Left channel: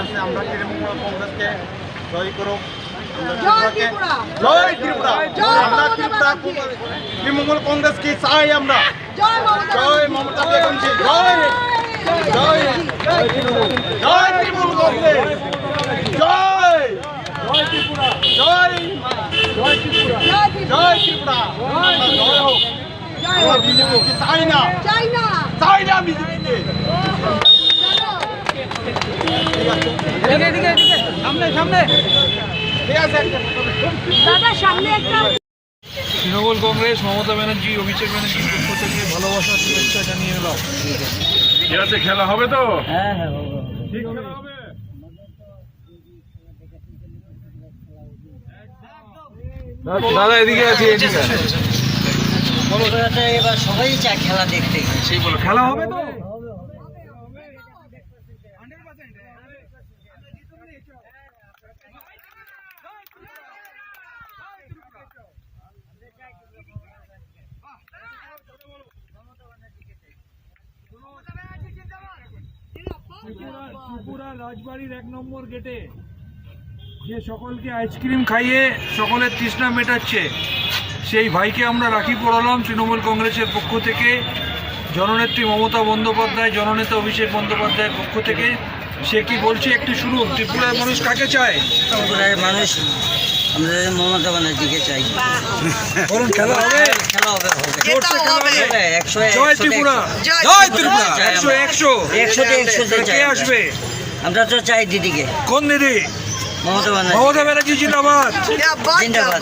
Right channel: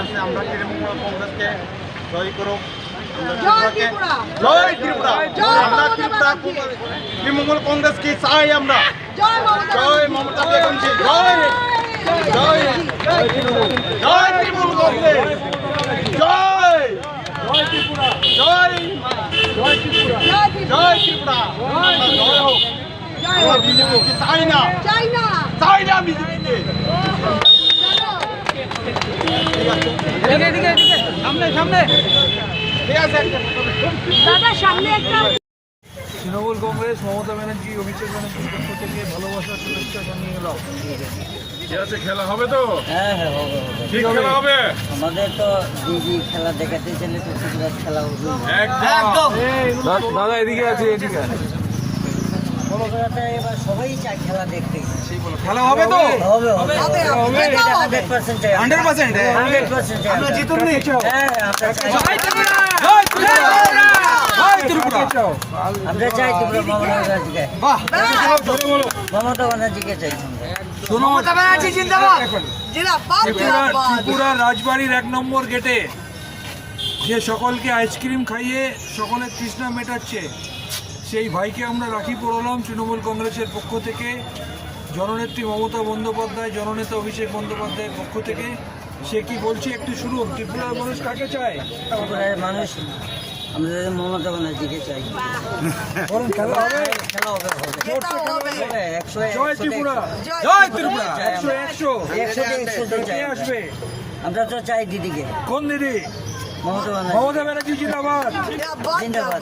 আছে, আমরা তৃণমূল কংগ্রেসকে জয় করুক। জয় ত্রিপুরা, আমরা ত্রিপুরা তৃণমূল কংগ্রেস কি চাই আমরা। জয় মমতা বেগমজি, জয় জয় জয় তৃণমূল কংগ্রেস, জয় জয় ত্রিপুরা, জয় জয় ত্রিপুরা, জয় ত্রিপুরা, জয় হোক। আমরা বিজেপি চাই না, চাই না বিজেপিকে। সামনে সামনে ঠিক আছে দাদা, সামনে একটা। তৃণমূল কংগ্রেস মমতা ব্যানার্জি, অভিষেক ব্যানার্জির পক্ষ থেকে ভালোবাসা শুভেচ্ছা জানিয়ে এলাম। ঠিক আছে, খেলা হবে তো? হ্যাঁ হ্যাঁ হবে। ঠিক খেলা হবে। আমাদের তো দিদি খেলা দেখাতে গেলে তো ত্রিপুরা খেলা হবে। একদম। দাদা এদিকে আছে, এদিকে এবার সবাই চায় খেলা দেখতে। সেই বলো, খেলা হবে তো? হবে হবে 100% চাই। 100% 100% চাই। আমরা জিতুন নি। হ্যাঁ আমরা চাই। জয় ত্রিপুরা, জয় ত্রিপুরা, জয় ত্রিপুরা। আমরা চাই ত্রিপুরা মমতা ব্যানার্জিকে। বাহ, মমতা ব্যানার্জিকে চাই। মমতা ব্যানার্জি জিন্দাবাদ। ত্রিপুরা রাজবাড়ির 1 নম্বর গেটে যে সকলকে আইসক্রিম খাইয়ে সকলের তৃষ্ণা মেটাচ্ছে, সেই ভাইকে আমরা রাখি পড়ালাম তৃণমূল কংগ্রেসের পক্ষ থেকে। জননেত্রী মমতা বন্দ্যোপাধ্যায়, জননেতা অভিষেক বন্দ্যোপাধ্যায়ের পক্ষ থেকে। সে কি বলছে একটু শুনুন। ত্রিপুরার মানুষ কাকে চায়? ত্রিপুরার মানুষ আমরা মমতা ব্যানার্জিকে চাই। বলুন, খেলা হবে? খেলা হবে হবে। জোরসে খেলা হবে। 100 জয় ত্রিপুরা, জয় ত্রিপুরা, 100 100 কে আসবে? আমরা তো চাই দিদিকে। কোন দিদি? মমতা ব্যানার্জি। মমতা ব্যানার্জি জিন্দাবাদ। জিন্দাবাদ।